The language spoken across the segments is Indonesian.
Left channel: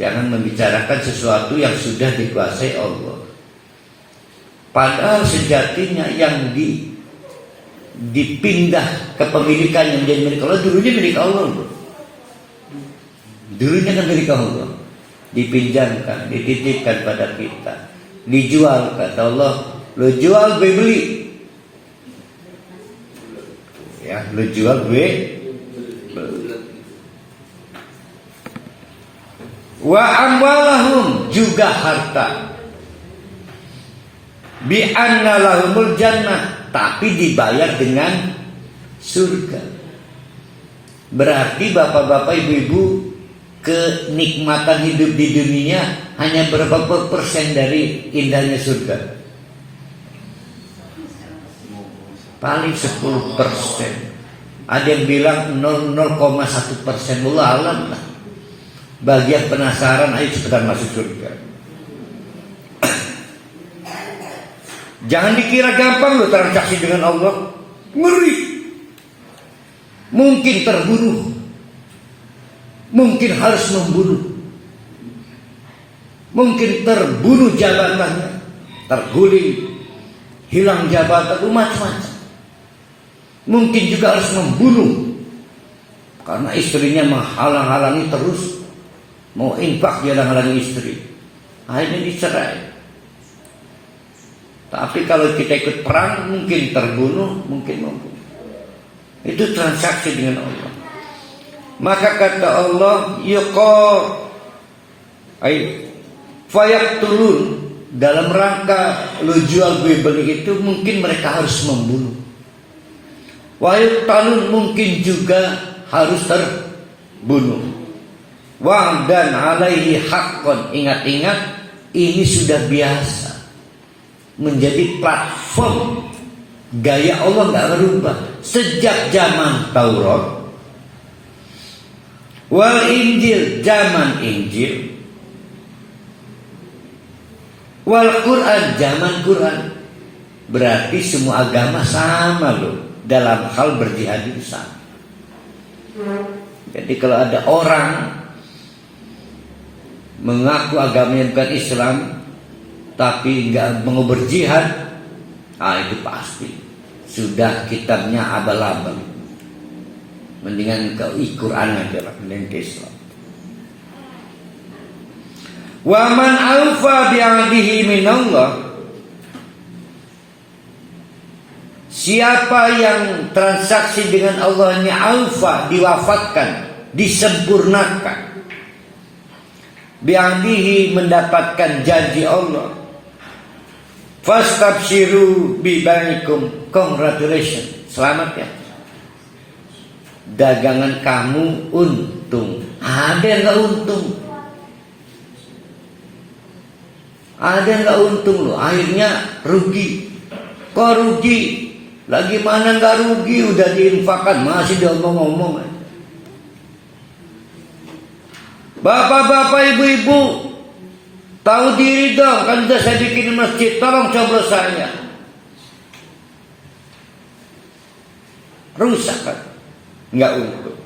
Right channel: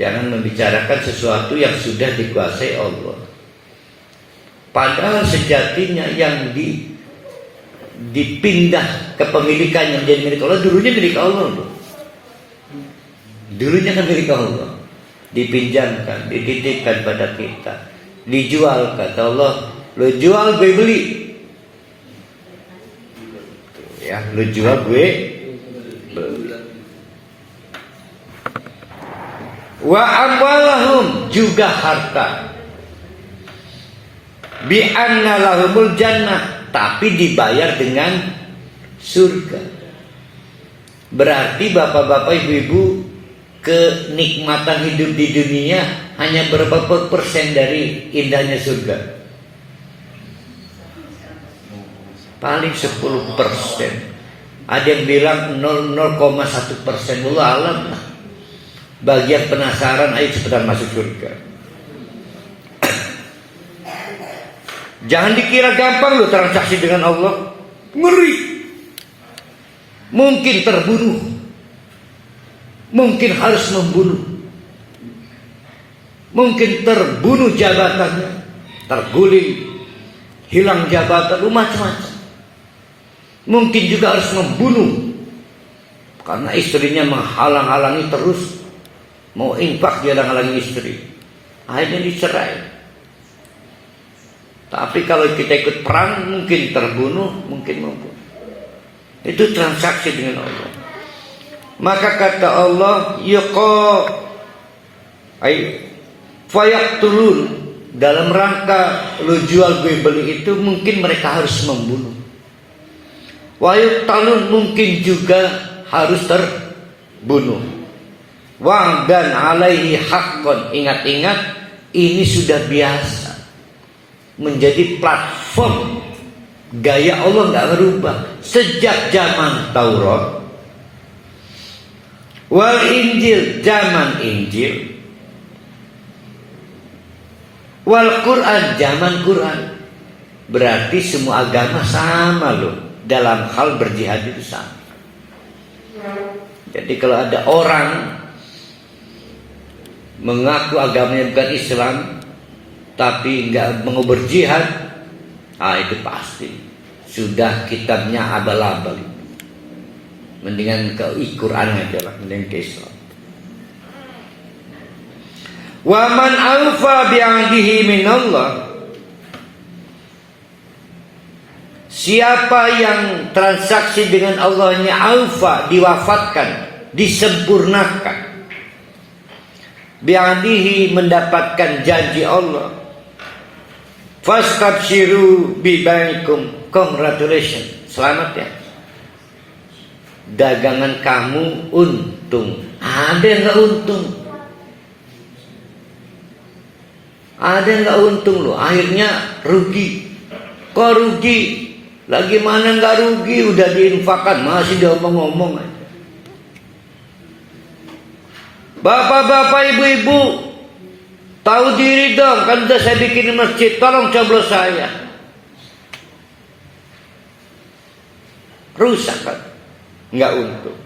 Jangan membicarakan sesuatu yang sudah dikuasai Allah. Padahal sejatinya yang dipindah kepemilikan yang menjadi milik Allah dulunya milik Allah. Dulunya kan milik Allah. Dipinjamkan, dititipkan pada kita, dijual, kata Allah, lo jual gue beli. Ya, lo jual gue beli. Wa amwalahum, juga harta. Bi anna lahumul jannah, tapi dibayar dengan surga. Berarti bapak-bapak, ibu-ibu, kenikmatan hidup di dunia hanya berapa persen dari indahnya surga? Paling 10%. Ada yang bilang 0,1%. Wallah alam. Bagi yang penasaran, ayo cepetan masuk surga. Jangan dikira gampang loh transaksi dengan Allah. Ngeri. Mungkin terbunuh, mungkin harus membunuh, mungkin terbunuh jabatannya, terguling, hilang jabatan, macam-macam. Mungkin juga harus membunuh karena istrinya menghalang-halangi terus, mau infak dia halangi istri, akhirnya dicerai. Tapi kalau kita ikut perang, mungkin terbunuh, mungkin membunuh. Itu transaksi dengan Allah. Maka kata Allah, fayaqtulun, dalam rangka lu jual gue beli itu mungkin mereka harus membunuh. Wa yuqtalun, mungkin juga harus terbunuh. Wa dan alaihi haqqon, ingat-ingat ini sudah biasa menjadi platform. Gaya Allah nggak berubah sejak zaman Taurat, wal Injil, zaman Injil, wal Quran, zaman Quran. Berarti semua agama sama loh dalam hal berjihad itu sama. Jadi kalau ada orang mengaku agamanya bukan Islam tapi nggak mau berjihad, itu pasti sudah kitabnya abal-abal. Mendingan ke Quran aja lah, mending ke Islam. Wa man awfa bi'ahdihi minallah, siapa yang transaksi dengan Allahnya awfa, diwafatkan, disempurnakan, bi'ahdihi, mendapatkan janji Allah, fastabshiru bibaikum, congratulations, selamat ya, dagangan kamu untung. Ada yang gak untung, ada yang gak untung loh, akhirnya rugi. Kok rugi? Lagi mana gak rugi, udah diinfakkan, masih dia ngomong-ngomong aja. Bapak-bapak, ibu-ibu, tahu diri dong, kan udah saya bikin masjid, tolong coblos saya. Rusak kan? Nggak untung.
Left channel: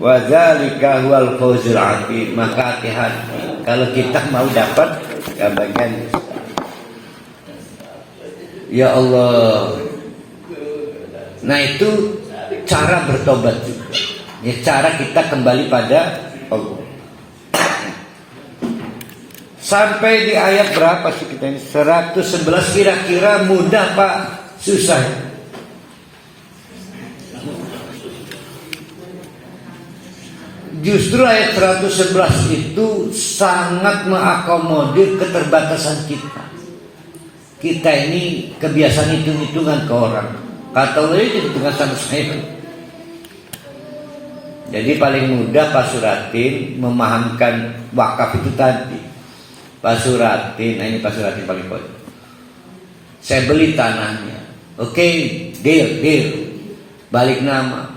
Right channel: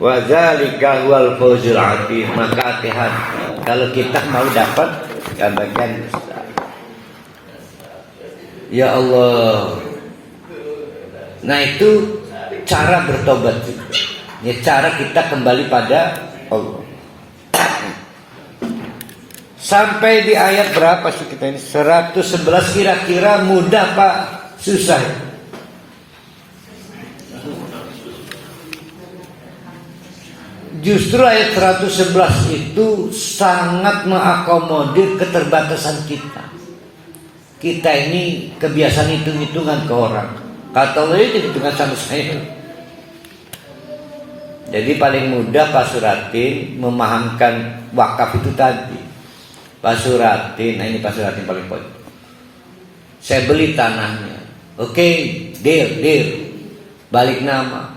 Wa dzalika huwal fawzul 'adzim. Maka hati-hati kalau kita mau dapat bagian besar. Ya Allah. Nah itu cara bertobat juga. Ya cara kita kembali pada Allah. Sampai di ayat berapa sih kita ini? 111 kira-kira mudah Pak? Susah. Justru ayat 111 itu sangat mengakomodir keterbatasan kita. Kita ini kebiasaan hitung-hitungan ke orang. Kata Allah itu hitungan sama saya. Jadi paling mudah Pak Suratin memahamkan wakaf itu tadi. Pak Suratin, nah ini Pak Suratin paling pokok. Saya beli tanahnya. Oke, deal. Balik nama.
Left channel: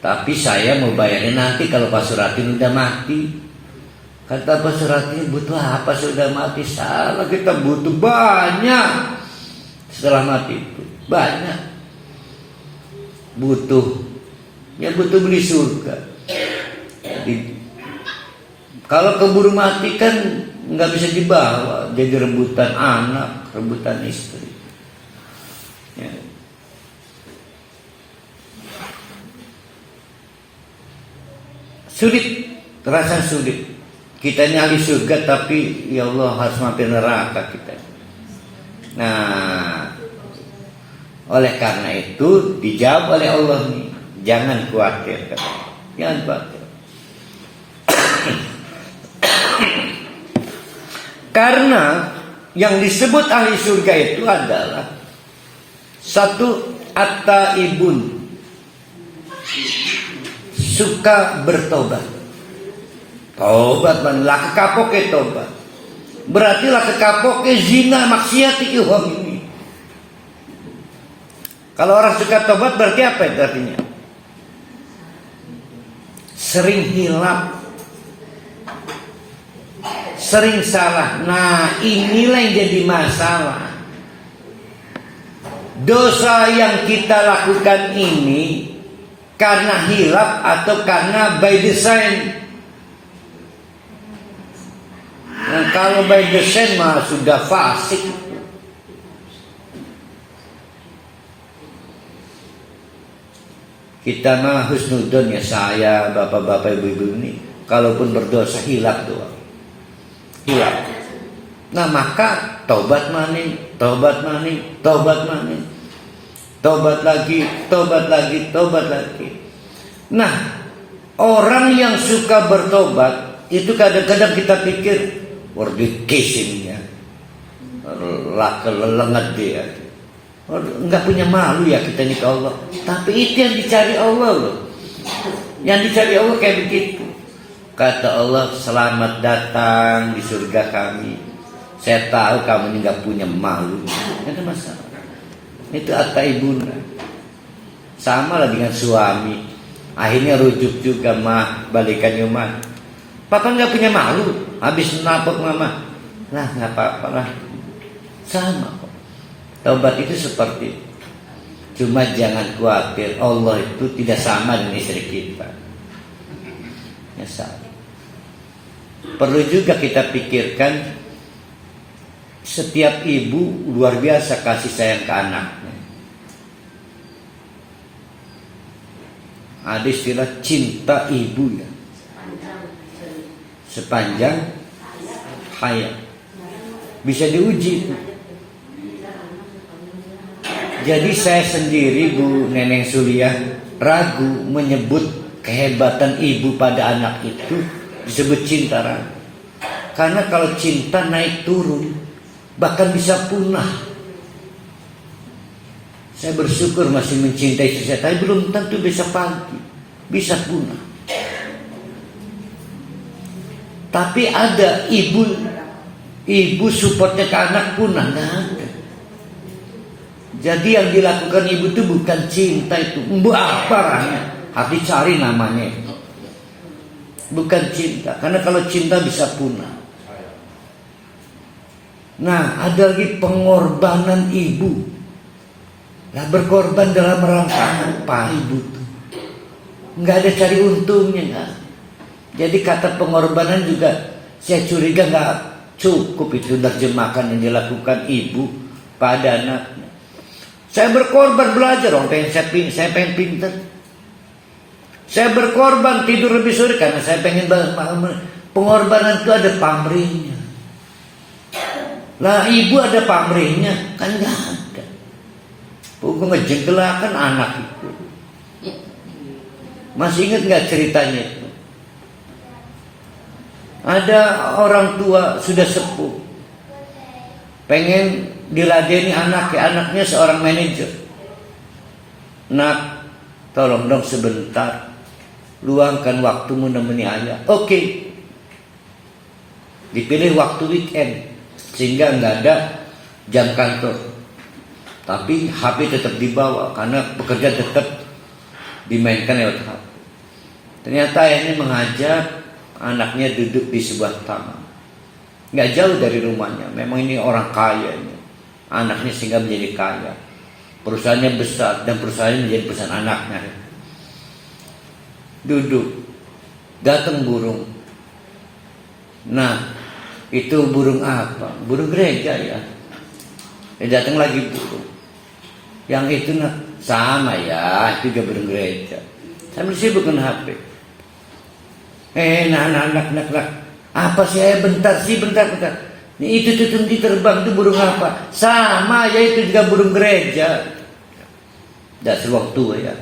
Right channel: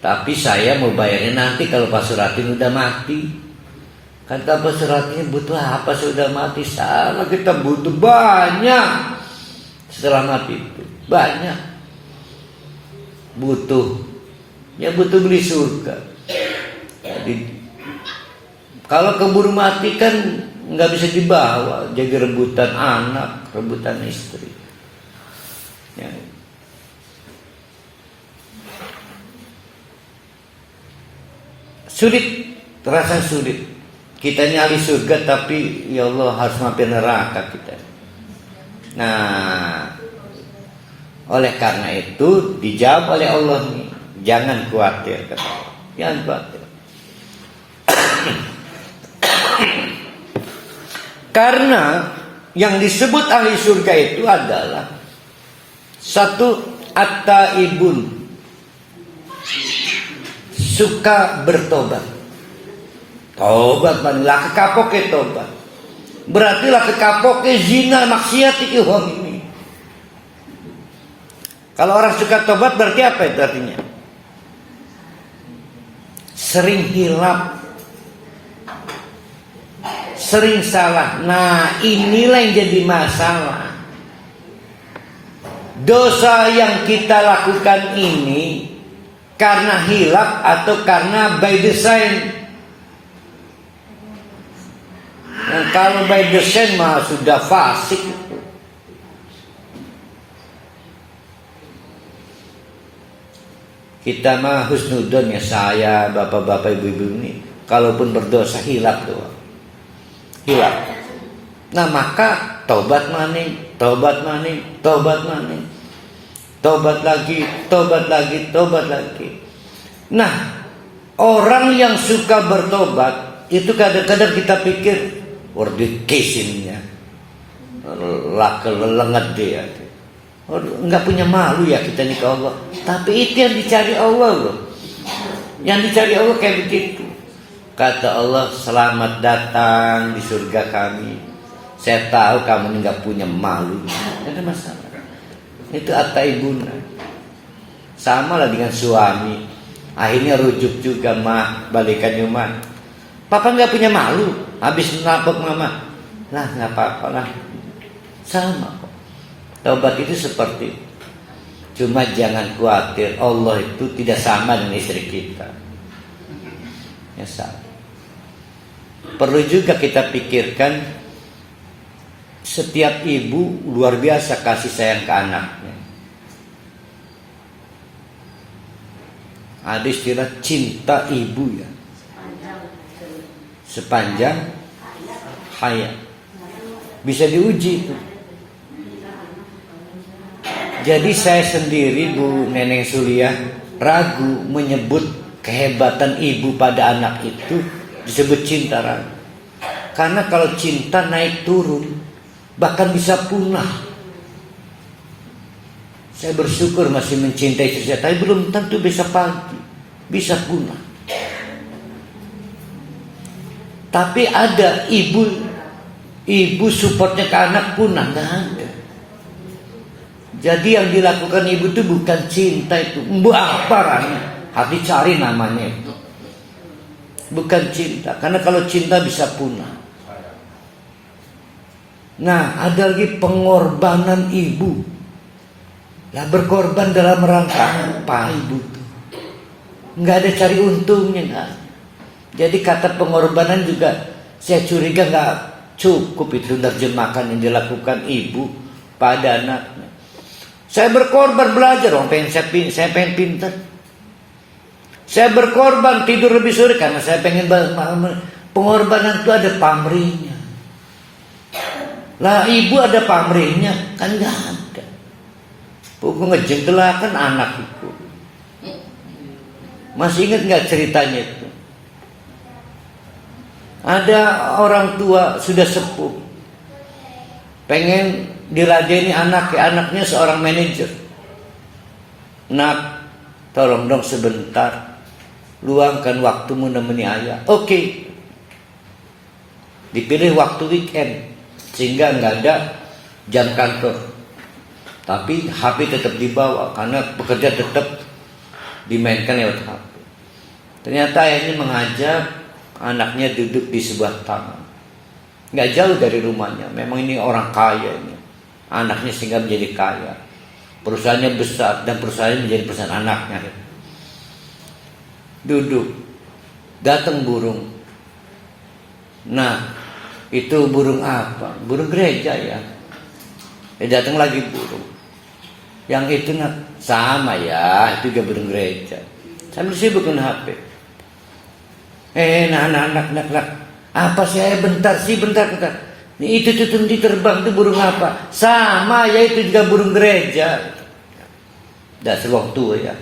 Tapi saya mau bayarnya nanti kalau Pak Suratin udah mati. Kata Pak Suratin, butuh apa sudah mati? Salah, kita butuh banyak. Setelah mati itu banyak. Butuh beli surga. Jadi Kalau keburu mati kan nggak bisa dibawa, jadi rebutan anak, rebutan istri. Ya. Sulit, terasa sulit. Kita ini ahli surga tapi ya Allah harus mampir neraka kita. Nah, oleh karena itu dijawab oleh Allah nih, jangan khawatir, jangan khawatir. Karena yang disebut ahli surga itu adalah satu, at-taibun, suka bertobat. Tobat lah kekapoke tobat. Berarti lah kekapoke zina maksiat iki wong ini. Kalau orang suka tobat berarti apa itu artinya? Sering hilap, sering salah. Nah, inilah yang jadi masalah. Dosa yang kita lakukan ini karena hilap atau karena by design. Nah, kalau by design mah sudah fasik. Kita mah husnudon ya, saya, bapak-bapak, ibu-ibu ini, kalaupun berdosa hilap doang. Hilap. Nah, maka tobat maning, tobat maning, tobat maning. Tobat lagi, tobat lagi, tobat lagi. Nah, orang yang suka bertobat itu kadang-kadang kita pikir wardi kesimnya lengat dia. Enggak punya malu ya kita nih ke Allah. Tapi itu yang dicari Allah loh. Yang dicari Allah kayak begitu. Kata Allah, selamat datang di surga kami. Saya tahu kamu ini enggak punya malu. Tidak ada masalah. Itu at-taibuna. Sama lah dengan suami. Akhirnya rujuk juga mah, balikan Yuman. Papa enggak punya malu. Habis napok mama. Lah enggak apa-apa lah. Sama. Taubat itu seperti itu. Cuma jangan khawatir, Allah itu tidak sama dengan istri kita. Ya sama. Perlu juga kita pikirkan, setiap ibu luar biasa kasih sayang ke anaknya. Ada istilah cinta ibu ya, sepanjang hayat. Bisa diuji itu. Jadi saya sendiri, Bu Neneng Suliah, ragu menyebut kehebatan ibu pada anak itu disebut cinta, ragu. Karena kalau cinta naik turun, bahkan bisa punah. Saya bersyukur masih mencintai istri saya, tapi belum tentu besok pagi bisa punah. Tapi ada ibu supportnya ke anak punah, nggak ada. Jadi yang dilakukan ibu itu bukan cinta itu, apa harus dicari namanya itu. Bukan cinta, karena kalau cinta bisa punah. Nah, ada lagi pengorbanan ibu. Ya, berkorban dalam rangka apa ibu itu? Nggak ada cari untungnya, nggak. Jadi kata pengorbanan juga saya curiga nggak cukup itu terjemahkan yang dilakukan ibu pada anaknya. Saya berkorban belajar dong, saya pengen pintar. Saya berkorban tidur lebih sore karena saya pengen malam. Pengorbanan itu ada pamrihnya. Lah ibu ada pamrihnya kan nggak ada. Pokoknya ngejengkelakan anak itu. Masih ingat nggak ceritanya itu? Ada orang tua sudah sepuh, pengen diladeni anaknya seorang manajer. Nak, tolong dong sebentar, luangkan waktumu nemeni ayah. Oke. Dipilih waktu weekend sehingga nggak ada jam kantor, tapi HP tetap dibawa karena pekerja tetap dimainkan lewat HP. Ternyata ayahnya mengajak anaknya duduk di sebuah taman, nggak jauh dari rumahnya. Memang ini orang kaya ini. Anaknya sehingga menjadi kaya, perusahaannya besar dan perusahaannya menjadi perusahaan anaknya. Duduk, datang burung, Nah, itu burung apa? Burung gereja ya. Datang lagi burung. Yang itu nah, sama ya, itu juga burung gereja. Sambil sibuk dengan HP. Nak. Apa sih? Bentar. Itu tuh terbang itu burung apa? Sama ya, itu juga burung gereja. Dah sewaktu ya.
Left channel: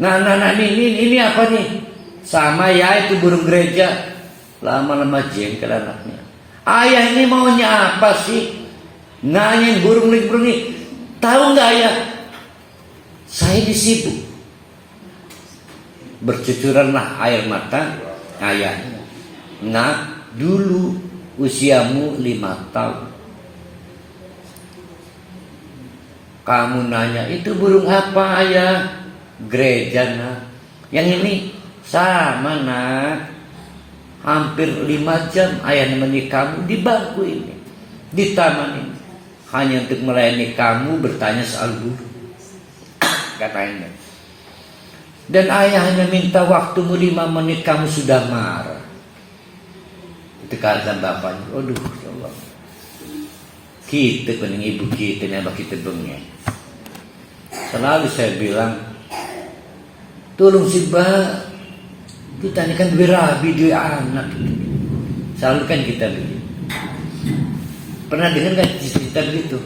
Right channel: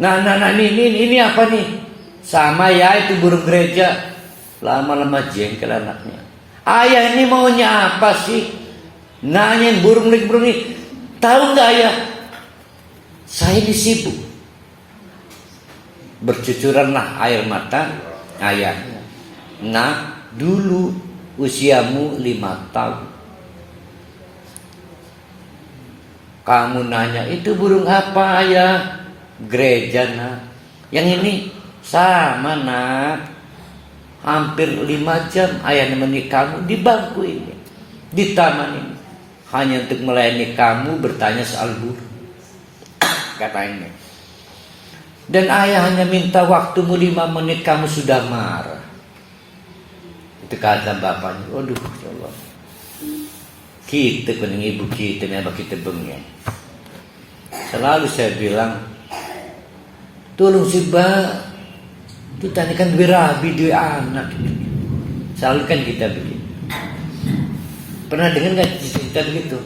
Nah, ini apa nih? Sama ya, itu burung gereja. Lama-lama jengkel anaknya. Ayah ini maunya apa sih? Nanya burung ini. Tahu nggak ayah? Saya disibuk. Bercucuranlah air mata ayahnya. Nah, dulu usiamu 5 tahun. Kamu nanya, itu burung apa ayah? Gereja nak. Yang ini sama nak. Hampir 5 jam ayah menemani kamu di bangku ini, di taman ini, hanya untuk melayani kamu bertanya soal burung. Katanya. Dan ayah hanya minta waktumu 5 menit, kamu sudah marah. Itu kata bapaknya. Aduh, ya Allah. Kita dengan ibu kita, memang kita bengeng. Selalu saya bilang, tolong sih Mbak, kita ini kan berabi dua anak. Selalu kan kita beli. Pernah dengar nggak cerita begitu?